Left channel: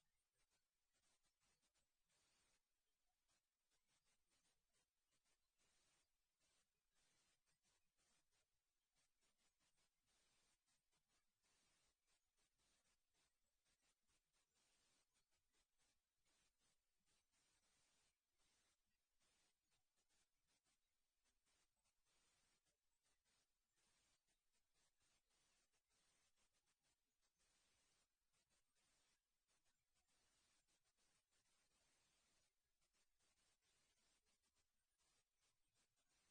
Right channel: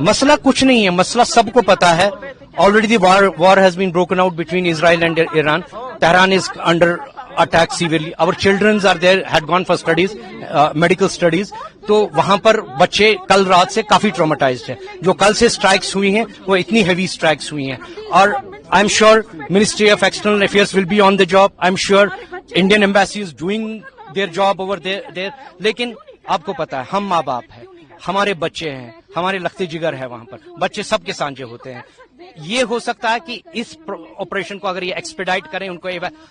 मसला कुछ नहीं है, मसला सबको पता है. Already the war has been broken out between Israel and Iran. Tehran is under attack severely. Our children are there, had gone for studies, medical studies. तो वहां पर बच्चे कल रात से काफी ट्रॉमेटाइज्ड हैं. जो कल से स्ट्राइक्स हुई हैं वो इतनी हेवी स्ट्राइक्स हुई हैं. और I am sure ministry of external affairs will be on the job. I am sure Indian embassy is doing their job over there. लेकिन आपको पता है, हम माँ बाप हैं, हमारे बच्चे हैं, हमारे लखते जिगर है वहां पर, बच्चे सबके सांझे होते हैं. ये हो सकता है कि इस ऑपरेशन को अगर ये एक्सपेडाइट करें, उनको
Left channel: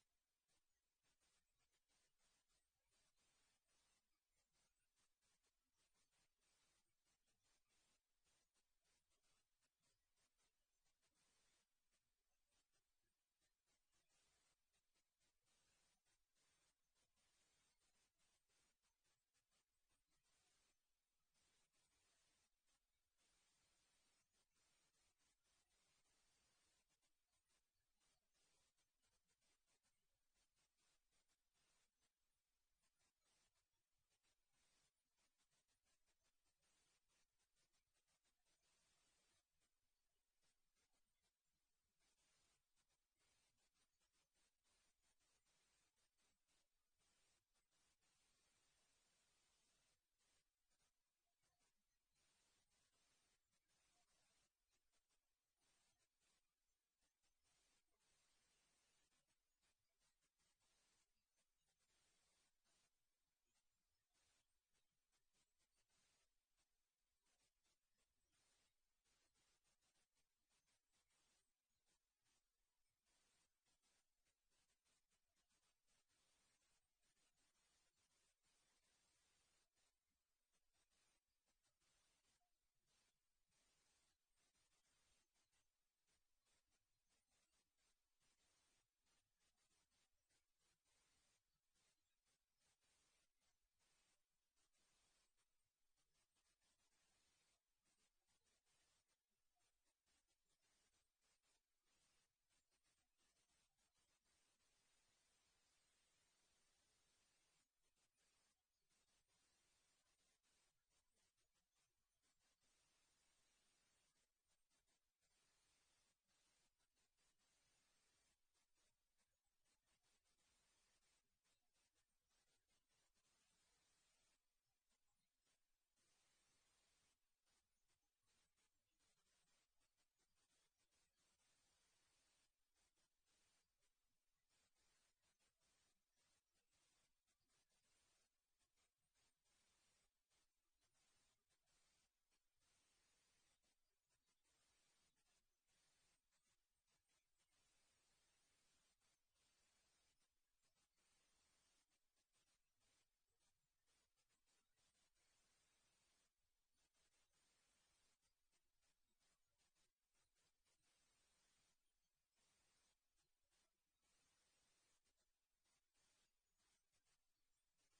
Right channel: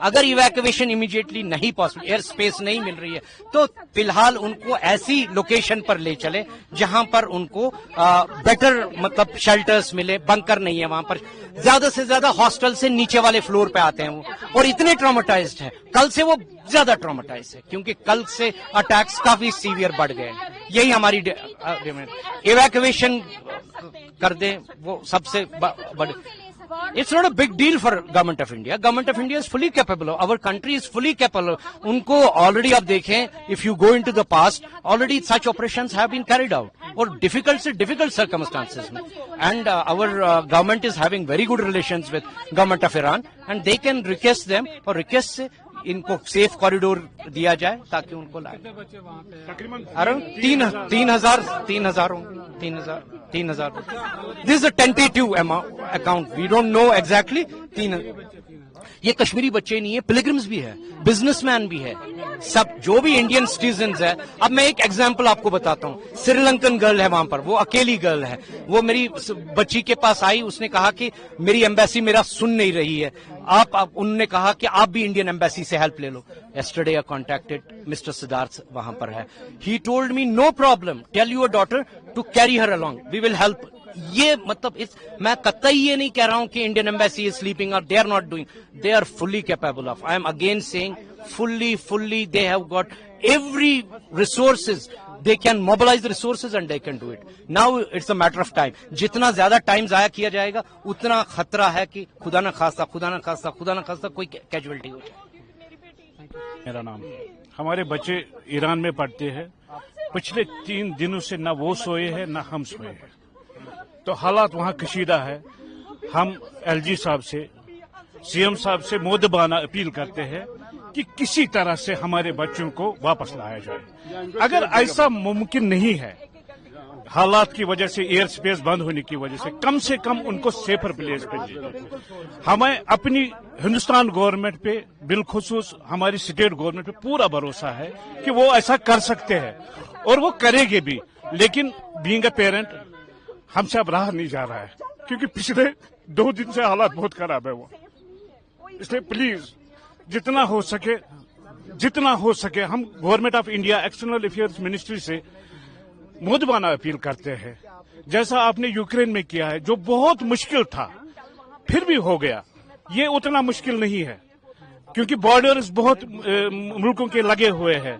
अगर इवैक्यूएशन इमीडिएटली नहीं पॉसिबल, एयर स्पेस नहीं मिल रही है, तो फिलहाल उनको ऐसी लोकेशन पर ले चले जहां पर उनको बेटर मतलब शेल्टर्स मिले. बंकर नहीं है वहां पर. ज्यादा से ज्यादा हॉस्टल से नीचे वाले फ्लोर पे आते हैं वो, और इतने ट्रॉमेटाइज्ड है. कल से वो ज्यादा ट्रॉमेटाइज है क्योंकि कल से अटैक्स काफी सीवियर बढ़ गए हैं. यही हमारी इवैक्यूएशन कर दें, वो सबसे बड़े. It's not a big deal for Government of India. Government of India is fully capable. Our country is fully capable. उनको already आप देखें, if you go into the past, already such operations have been carried out. और difficult से difficult circumstances में. And our government is having very good relations with Government of Iran, and they can request them, और request से इनको safe corridor दिया जाए ताकि उनको लाए. अरे 3,000. This is a tentative account. We don't know exactly. 3,000. ये कश्मीरी बच्चे नहीं है, पिलग्रिम्स भी है, बिजनेसमैन भी है, सब जो भी इंडियन सिटीजन्स है. अब मैं एक एग्जांपल आपको बताता हूँ. श्रीलंकन गर्ल है वहां पर, वो अकेली गर्ल है. वो मेरी बच्ची के पास आई, उसने कहा कि मेरी एम्बेसी मेरा सुन नहीं रही है. उन्होंने कहा कि आप भी इंडियन एम्बेसी से हेल्प ले लो. yesterday I contacted Mr. Siddharth, वहां पर है. He told me no problem, tell your daughter to carry her along, we will help. ये मतलब मैं कतई ये नहीं कह रहा हूं कि इंडियन एम्बेसी इज स्लीपिंग और they are not doing. They are fully capable of. I am again saying fully they have got every resources. They can mobilize the resources and they can do it. Now it's a matter of time. जितना ज्यादा time जाया किया जाएगा उतना खतरा है कि खुदा न खास्ता कोई कैजुअलिटी हो जाए. मेरा नाम, हमारे बच्चे ईरान में पढ़ते हैं. पिछले 3 दिनों से न वो सोए हैं न हम सोए हैं. तो हालात वहाँ कशीदा है. हम एलजी साहब से, सीएम साहब से मोदबाना अपील करते हैं कि किसी तरह से हमारे बच्चों को वापस लाया जाए. अगर ऐसा मुमकिन नहीं है, हालात की वजह से, एयर स्पेस बंद होने की वजह से कम उनको सेफर प्लेस पे दीजिए. हमें अपनी हिंदुस्तान गवर्नमेंट पे, बिलखुसूस हमारी स्टेट गवर्नमेंट पे पूरा भरोसा है कि वो ऐसा कर सकते हैं और वो करेंगे भी. लेकिन बीइंग अ पेरेंट हमसे अब रहा नहीं जा रहा है क्योंकि पिछले 2 दिन से हालात बहुत खराब है वो. इसलिए प्लीज जितना हो सके हम government of India external affairs ministry से मोदबाना अपील करते हैं. जैसा आपने यूक्रेन में किया है, जो बहुत मुश्किल था फिर भी हो गया. ये उतना मुश्किल नहीं है क्योंकि बॉर्डर्स बहुत मुल्कों के लगे हुए हैं.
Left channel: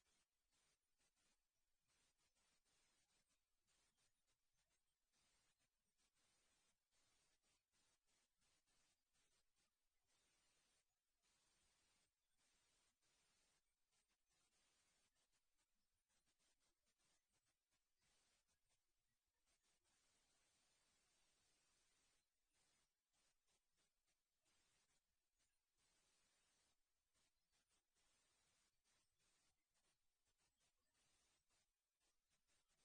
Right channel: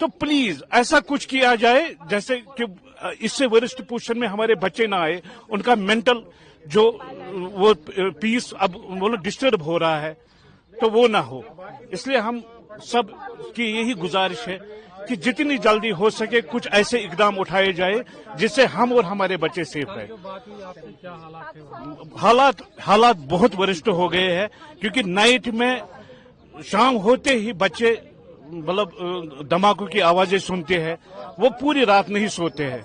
तो प्लीज ऐसा कुछ किया जाए जैसे कि इससे वरिष्ठ पोजीशन में हमारे बच्चे ना आए. उनका मेंटल जो वो पीस अब वो डिस्टर्ब हो रहा है तो वो ना हो. इसलिए हम सब की यही गुजारिश है कि जितनी जल्दी हो सके कुछ ऐसे इकदाम उठाए जाए जिससे हम और हमारे बच्चे सेफ रहे. हालात बहुत वरिष्ठ हो गए हैं क्योंकि नाइट में शाम होते ही बच्चे मतलब धमाकों की आवाजें सुनते हैं, वो पूरी रात नहीं सोते हैं.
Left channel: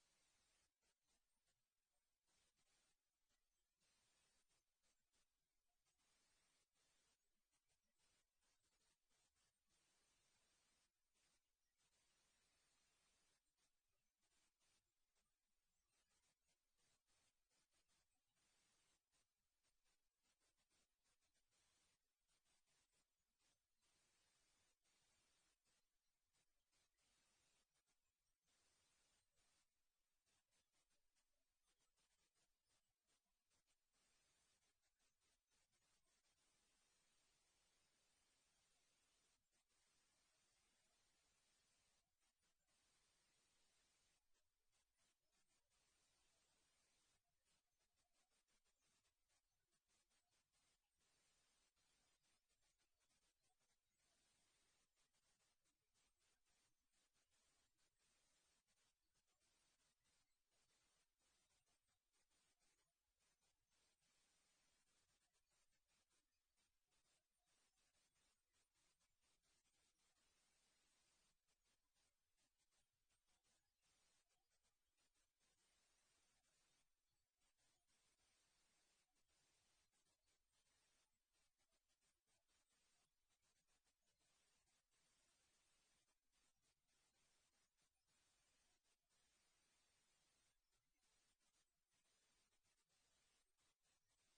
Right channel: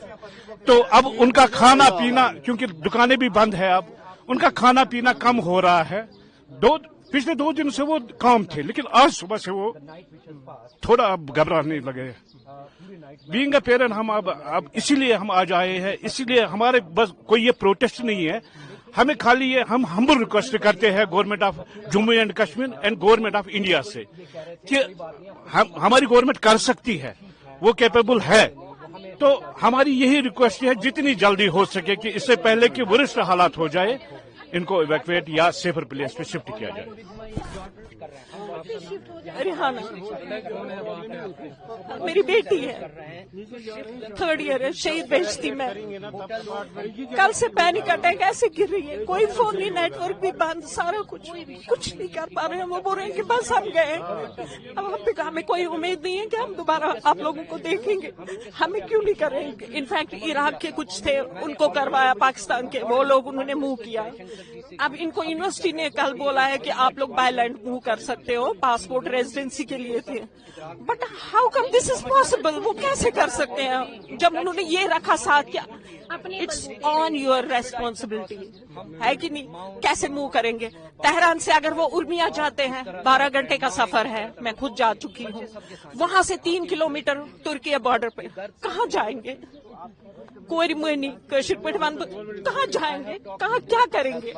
तो अब उनका खाना पीना, क्योंकि दुकानें भी बंद है, अब उनका खाना पीना कम हो रहा है. पिछले 2 दिन से वो काम थे लेकिन आज सुबह से वो थोड़ा अब घबराने लगे. बीइंग अ पेरेंट हम अब इसीलिए हम आज आए हैं. इसीलिए हमारे बस कोई ये प्रोटेस्ट नहीं है. हमें खाली ये हम हम्बल रिक्वेस्ट करते हैं government of Jammu and Kashmir and government of India से कि हमारी गवर्नमेंट कर सकती है, वो कैपेबल है. तो हमारी यही रिक्वेस्ट है जितनी जल्दी हो सके कि इससे पहले कि वरिष्ठ हालात हो जाए, इनको इवैक्यूएट या सेफर प्लेस पे शिफ्ट किया जाए. रिहाना मेरी बेटी है, 3rd ईयर है, शहीद भेजती मैं। कल से पैनिक अटैक ऐसे गिर रही है, कोई फोन नहीं, नेटवर्क भी बंद, सारा कुछ नहीं कर पा रहे हैं। वो बोल रहे हैं कि बस हम गए, अब हमें कोई उम्मीद नहीं है कि हम दोबारा आप लोगों को देखेंगे। हमें क्यों नहीं करेंगे? इनफैक्ट इराक के कुछ थे, उनको करवाया पाकिस्तान के, वो लोग उन्होंने मूव किया। अब इनको यूनिवर्सिटी ने कल बोला है कि आप लोग बाय लैंड मूव कर सकते हो, पासपोर्ट रेजिडेंसी के लिए थे। But how come this is possible? वो कैसे कर सकते हैं जब उन्होंने ये रखा साथ? क्या इट्स ऑन योर रेस्पॉन्सिबिलिटी है कि नहीं? कैसे मूव करेंगे? तेहरान से अगर वो उर्मिया जाते हैं, 12 घंटे का सफर है, मैं खुद जा चुकी हूँ। वहां से 3 किलोमीटर तुर्की बॉर्डर पे कहाँ जाएंगे? कोई नहीं, कहाँ जाएंगे? कहाँ क्या करेंगे?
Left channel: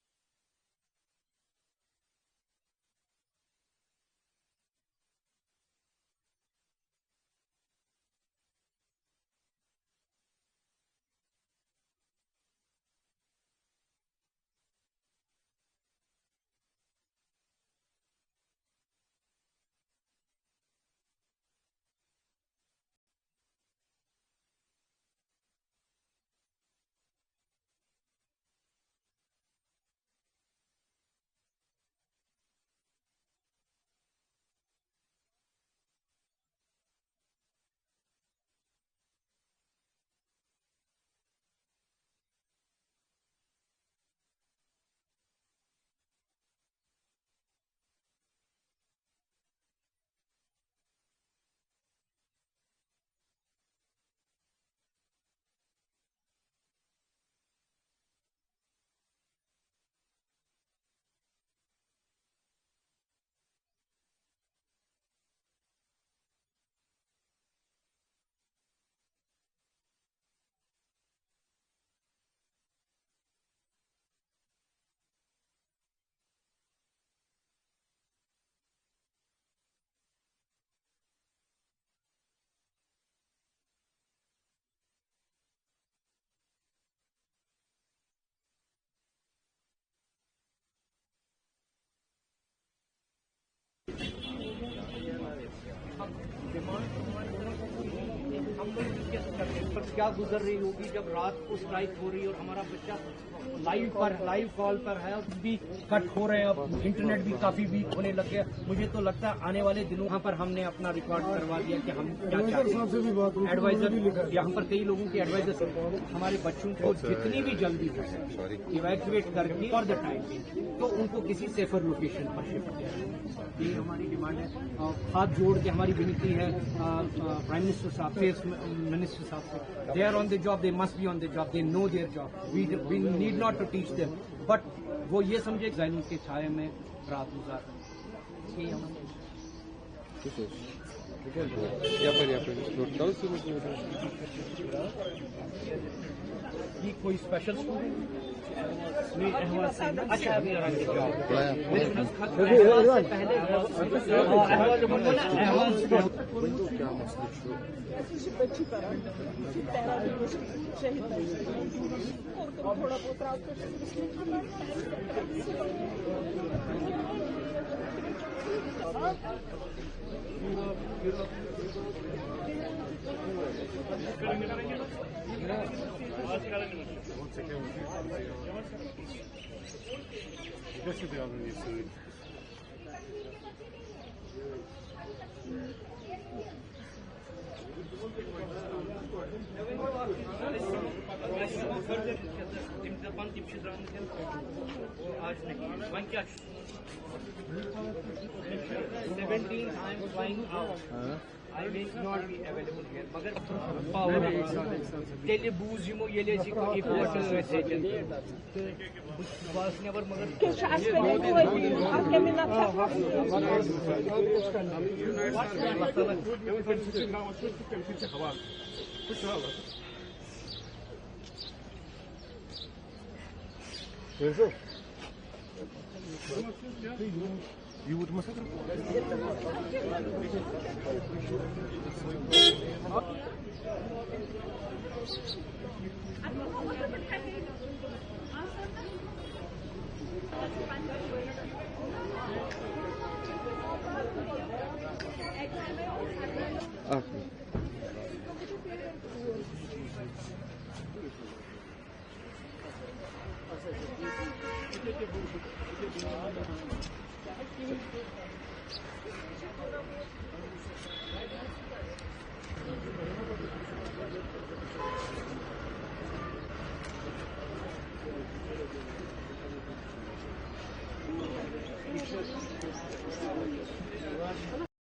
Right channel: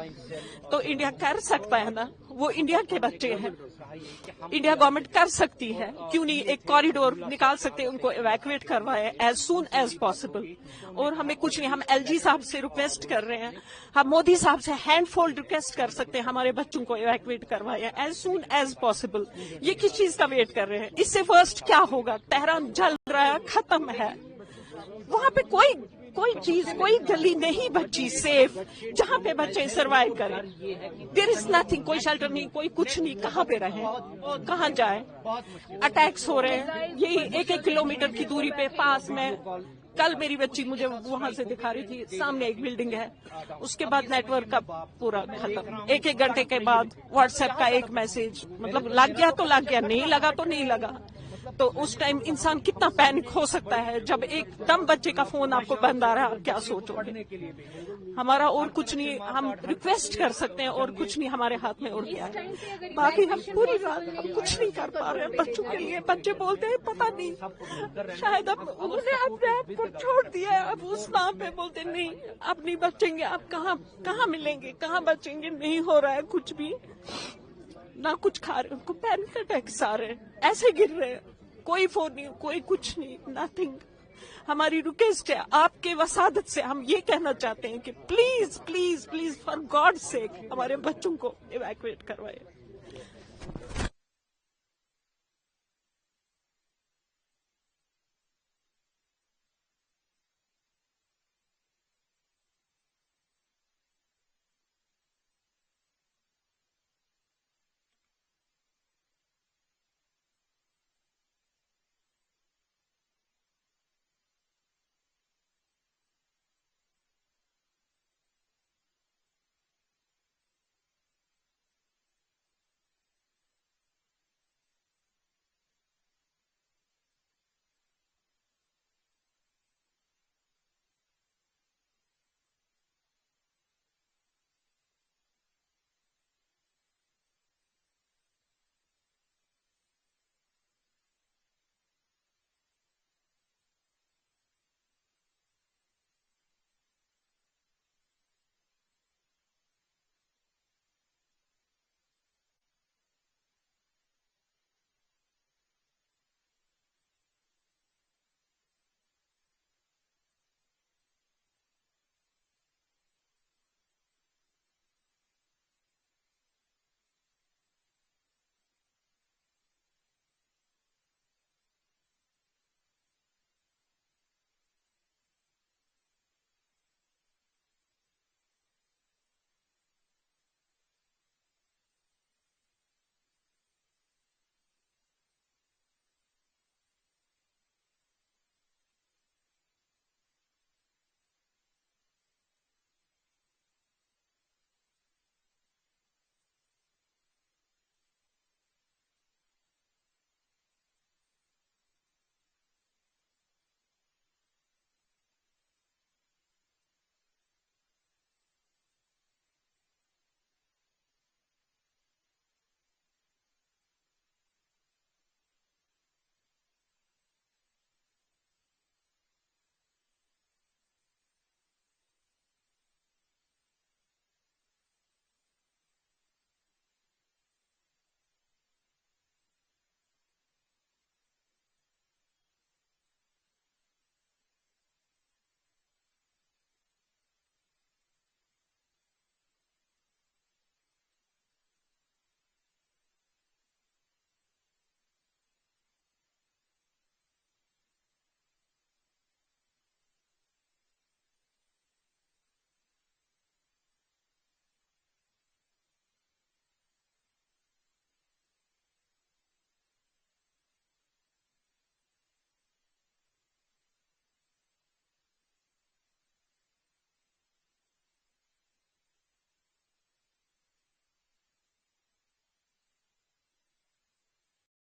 तो इंडिया कर सकता है ना, वो इंडिया के बच्चे हैं, इंडिया गवर्नमेंट कर सकती है। क्यों नहीं एक कॉरिडोर निकाल सकते, उनको इवैक्यूएट करवाए एज सून एज पॉसिबल। और हमें कुछ नहीं, हम एलजी साहब से रिक्वेस्ट कर रहे हैं, हम मोदी साहब से हैंडफोल्ड रिक्वेस्ट कर सकते हैं, हमारे बच्चों को इवैक्यूएट करवाए एज सून एज पॉसिबल। ये किस चीज का वेट कर रहे हैं? इससे फर्स्ट क्या होगा? तेहरान जल रहा है, खत्म है, वहां पे कोई चीज, कोई गली नहीं बची सेफ जहाँ पे बच्चे सर्वाइव करें। देयर इज नथिंग, कोई शेल्टर नहीं, कोई कुछ नहीं, कहाँ पे रहे, कहाँ जाए? अटैक्स हो रहे हैं यही 1-1 किलोमीटर की दूरी पे पास में। कल मेरी बच्ची मुझे वहां से दिखा रही थी, सामने एक बिल्डिंग है, उसके बाद नेटवर्क का पूरा खत्म। 1-1 घंटे के बाद व्हाट्सएप का एक मैसेज, मतलब लग गया तो लग गया, नहीं लगा तो नहीं लगा। तो उस टाइम इंसान कितना पैनिक हो सकता है जब एकदम बच्चे का फोन आपको बंद आ रहा है, क्या सोचोगे? हमारा और कुछ नहीं, हम रिक्वेस्ट कर सकते हैं और कुछ नहीं हमारे हाथ में और क्या है। बाकी हम पूरी रात हम कुछ नहीं कर पा रहे हैं बच्चों के लिए। बच्चे बोलते हैं पता नहीं, शायद अब उन्होंने अपने आप को छोड़ दिया है, अब उस नाम पे बोलते नहीं अब नहीं बचेंगे, अब कहाँ मिलेंगे, कहाँ बचेंगे? नहीं हो रहा है कुछ भी, ना कुछ खा रहे, उनको पैनिक अटैक्स आ रहे हैं, ऐसे गिर रहे हैं, कोई फोन नहीं, कोई कुछ नहीं, नथिंग। हमारी रिक्वेस्ट है आपके वसादत से, हम ये कहना चाहते हैं कि please please please for God sake हमारे बच्चों को इवैक्यूएट करवाए। क्या गुजर रही होगी जब रात को स्ट्राइक हो रही है और हमारा बच्चा लाइव कॉल पर है, भी कट हो रहे हैं, अब इंटरनेट भी काफी वीक होने लग गया। मुझे तो लगता है आने वाले दिनों यहाँ पर हमने अपना रिकॉर्ड करवा दिया कि हम क्या चाहते हैं। एडवाइजर यहाँ पर कई लोगों के एडवाइजर हमारे बच्चों को जितनी भी जल्दी हो सके इवैक्यूएट करके फॉर द टाइम तो उनको किसी सेफर लोकेशन पर शिफ्ट किया। ये हमारी डिमांड है। हाथ जोड़ के हमारी विनती है प्राइम मिनिस्टर साहब से, मिनिस्टर साहब से, they are on the job, they must be on the job, they know their job, we need not to teach them, but वो ये समझे जालिम के छाए में रात गुजार। ये कोई स्पेशल स्कूल अच्छा अभी थोड़ा बहुत रात आज नहीं 17 I am flying out. I will not be available here. मगर power तेले बूझ यमो येले जी को इम्पोर्ट सेजन बस नेवर मगर के शास पे नहीं आपके में ना You would must है।